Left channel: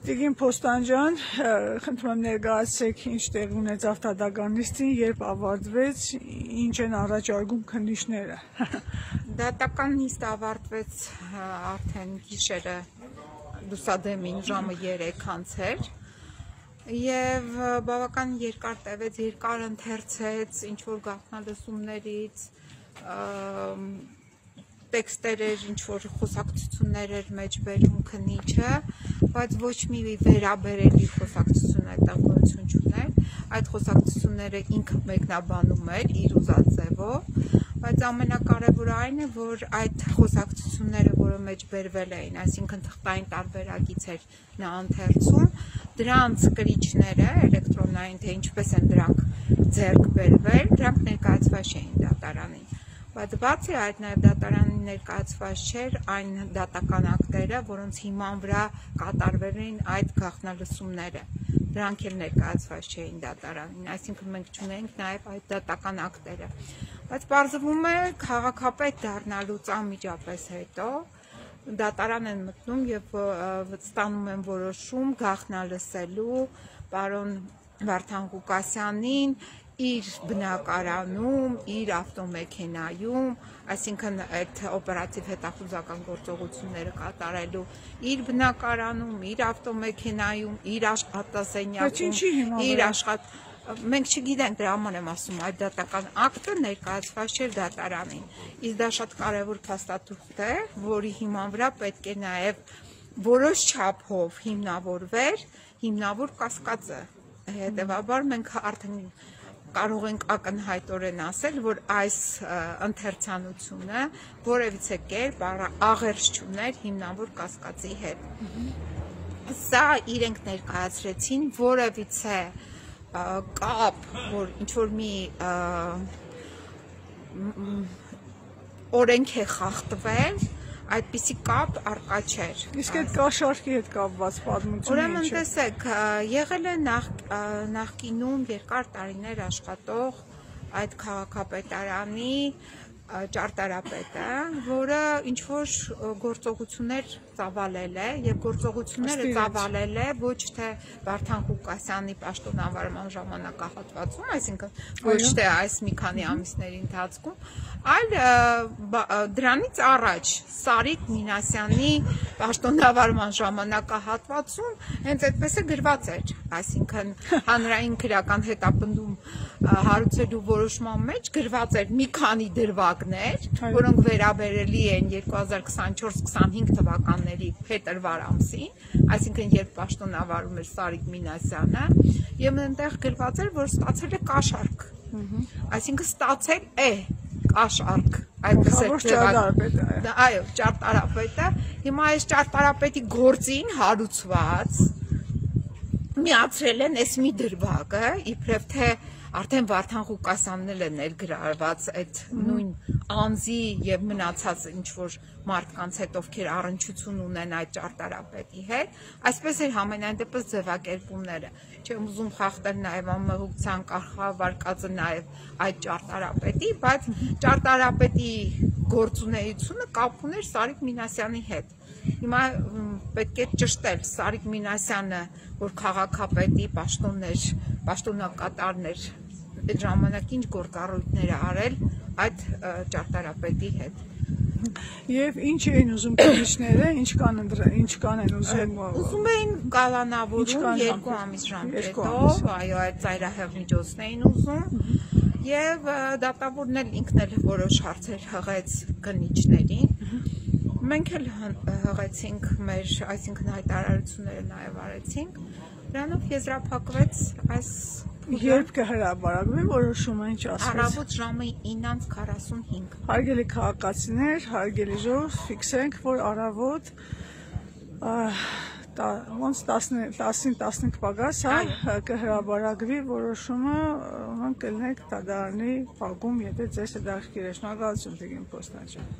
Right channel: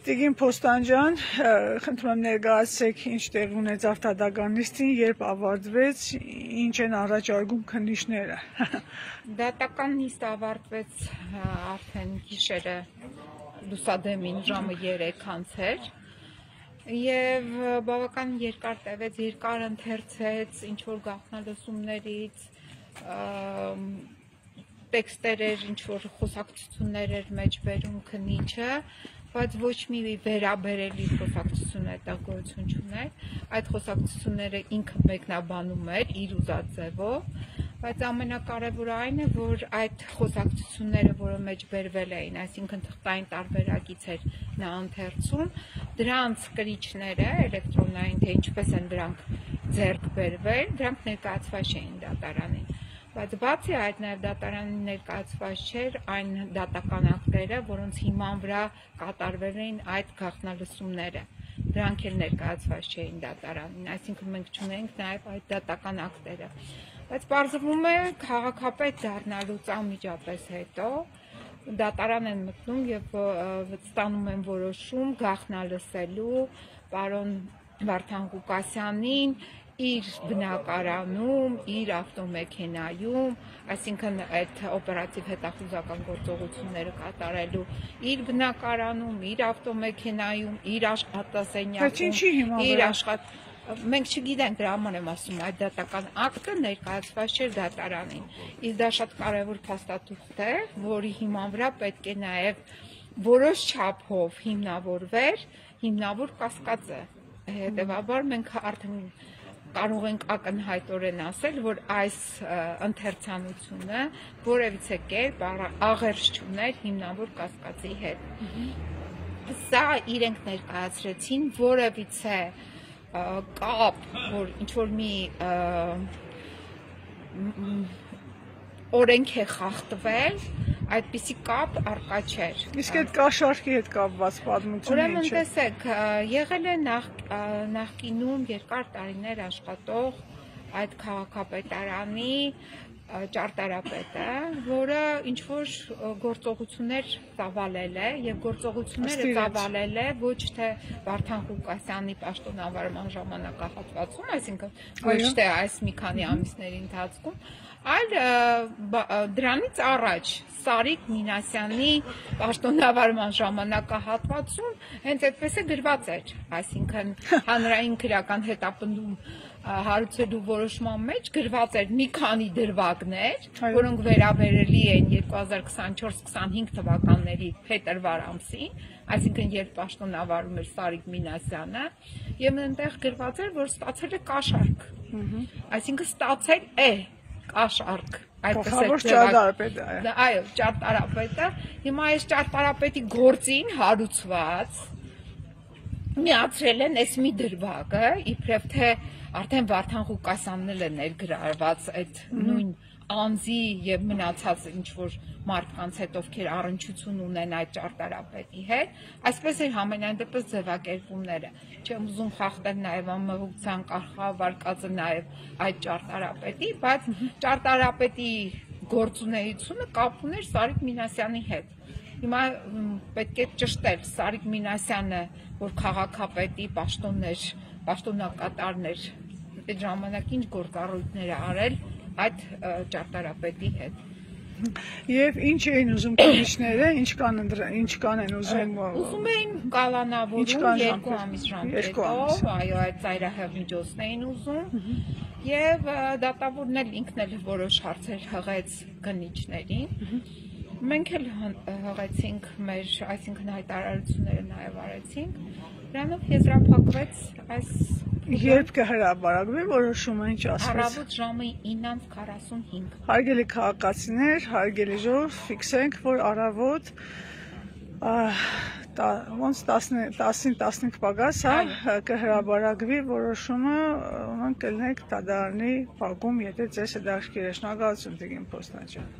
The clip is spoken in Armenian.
Տիգին Փոստանջան, խնդրում եմ ներկայացրեք ինչ տեղի ունեցավ դատական նիստին, երբ ավարտվեց, ինչ են առաջարկում քննիչները։ Դատական նիստ ավարտվեց արդեն գիշերը լուսադեմին ժամը 3:00 էր եւ բավական երկար տևեց, երկար ընթերցեց ինչ որ գաղտնալսումներից, տեքստեր էր, ինչ որ խոսակցություններ էր մեջ բերում քննիչը, բայց ոչ մի վերաբերելի խոսակցություն այդտեղ գոյություն չուներ, այդ խոսակցությունները ինքը մեկնաբանում էր իր ուզած ձևով, բայց ամենակարևորը այն է, որ այդ խոսակցությունները, որը մեջ բերվել էին, այսինքն թղթային տարբերակից էր նա ընթերցում, դրանց կրիչները, էլեկտրոնային, թե ինչպես են դրանք ձեռք բերվել, դրանք ներկայացված չէին դատարանին։ Բայց բացի այդ նաև դատարանին ներկայացված չէր այն դատական ակտերը, որոնց հիման վրա կատարվել էին այդ գաղտնալսումները, դրանք էլ ներկայացված չէին դատարանին, այսինքն մենք չունենք նաև այդ դատական ակտերը, բայց պարզվում է քաղաքապետ դառնալուց անմիջապես հետո դատարան են մտնում եւ ստանում են որոշում գաղտնալսելու պարոն Վարդան Ղուկասյանին իր բնակարանում, իր ավտոմեքենայում, այսինքն այդ օպերատիվ հետախուզական գործողությունները կատարելու իր բնակարանում, իր ավտոմեքենայում, իր աշխատասենյակում, իր մենք չգիտենք, դրա համար եմ ասում, այդ դատական ակտը ներկայացված չէր դատարանին։ Իսկ դա շատ կարևոր փաստաթուղթ է, որի հիման վրա պետք է նաև որոշ չափով հիմնավորվեր հիմնավոր կասկածը։ Հետևաբար մենք արդեն կարող ենք ակնհայտորեն ասել, որ այս ընթերցանությունը որևիցե կերպ աղերս չուներ հիմնավոր կասկածի հետ։ Սա իրենք ներկայացրեցին որևիցե կապ, որ ինչ-որ մի օրենք է խախտվել, այդպիսի կապ առկա չէր։ Իսկ այդ կաշառքի հետ կապված պատմությունը ինչ է։ Ուրեմն տեսեք, եղել է նախկինում երկար տարիներ աշխատող այդ քաղաքապետարանի ճարտարապետը, որը ինչ-որ գործողություններ ծավալել է եւ գործողությունները ծավալել է ոչ թե Վարդան Ղուկասյանի պաշտոնավարման ժամանակահատվածում, այսինքն ոչ թե այս մի քանի ամիսների ընթացքում, այլ դրանից առաջ Սարիկ Մինասյանի պաշտոնավարման ժամանակահատվածում հենց այդպես է գրված էր, այսինքն հանրային քրեական հետապնդում հարուցելու որոշման մեջ գրված էր մի քանի դրվագներ, որոնք վերաբերելի են 2024-25 թվականների փետրվար ամսին, այսինքն երբ պաշտոնավարում էր Սարիկ Մինասյանը, եւ այնտեղ գրված էր, որ ստացել է կաշառք, այսինքն ստացել է կաշառք, այդպես է ճարտարապետը։ Այո, ճարտարապետը, հիմա այս ճարտարապետի գործին հարուցված միացրել են այս մի դրվագը, իբրև թե արդեն Վարդան Ղուկասյանն էլ է ներգրավված այդ նույն անձի եւ մնացած ինչ-որ մարդկանց հետ, ովքեր առնչություն ունեն այդ ճարտարապետի հետ, այսպես էր համենայն դեպս ձևակերպումները։ Չեմ ուզում խախտել նաեւ ամմողության կարգավարկածը նաեւ այդ ճարտարապետի, բայց ճարտարապետի գործունեությունը կապ ուներ Սարիկ Մինասյանի հետ։ Հիմա պետք է ճշտել Սարիկ Մինասյանը, որ քաղաքապետի պաշտոններ, պաշտոնակատարներ այդ ժամանակ ինչ գործառույթներ արել այդ ճարտարապետի հետ։ Եվ ինչ էին ուզում քննիչները, ինչ կանեն ուզում։ Ուզում էին կալանավորում 2 ամիս ժամկետով, այո, այդ ծայրահեղ միջոցն էին ուզում, եւ դատավորն էլ ինքն էլ որոշ հարցեր հղեց քննիչներին։ Մենք էլ հղեցինք մեր, այսինքն հայտարարությունները նաև արեցինք, դրանով եզրափակվեց այս Երբ կհրապարակվի որոշումը, ինչ ասվեց։ Առավոտ ժամը 9:45։ Հարգելի քաղաքացիներ, հարգելի ժողով, ֆիքսենք, որ առավոտ ոնց 10-15 պակաս, կհրապարակվի որոշումը, ոնց կլինեք դատարանի բակում, եթե ձեզ հետաքրքիր է։ Շնորհակալություն Տիգին Փոստանջան։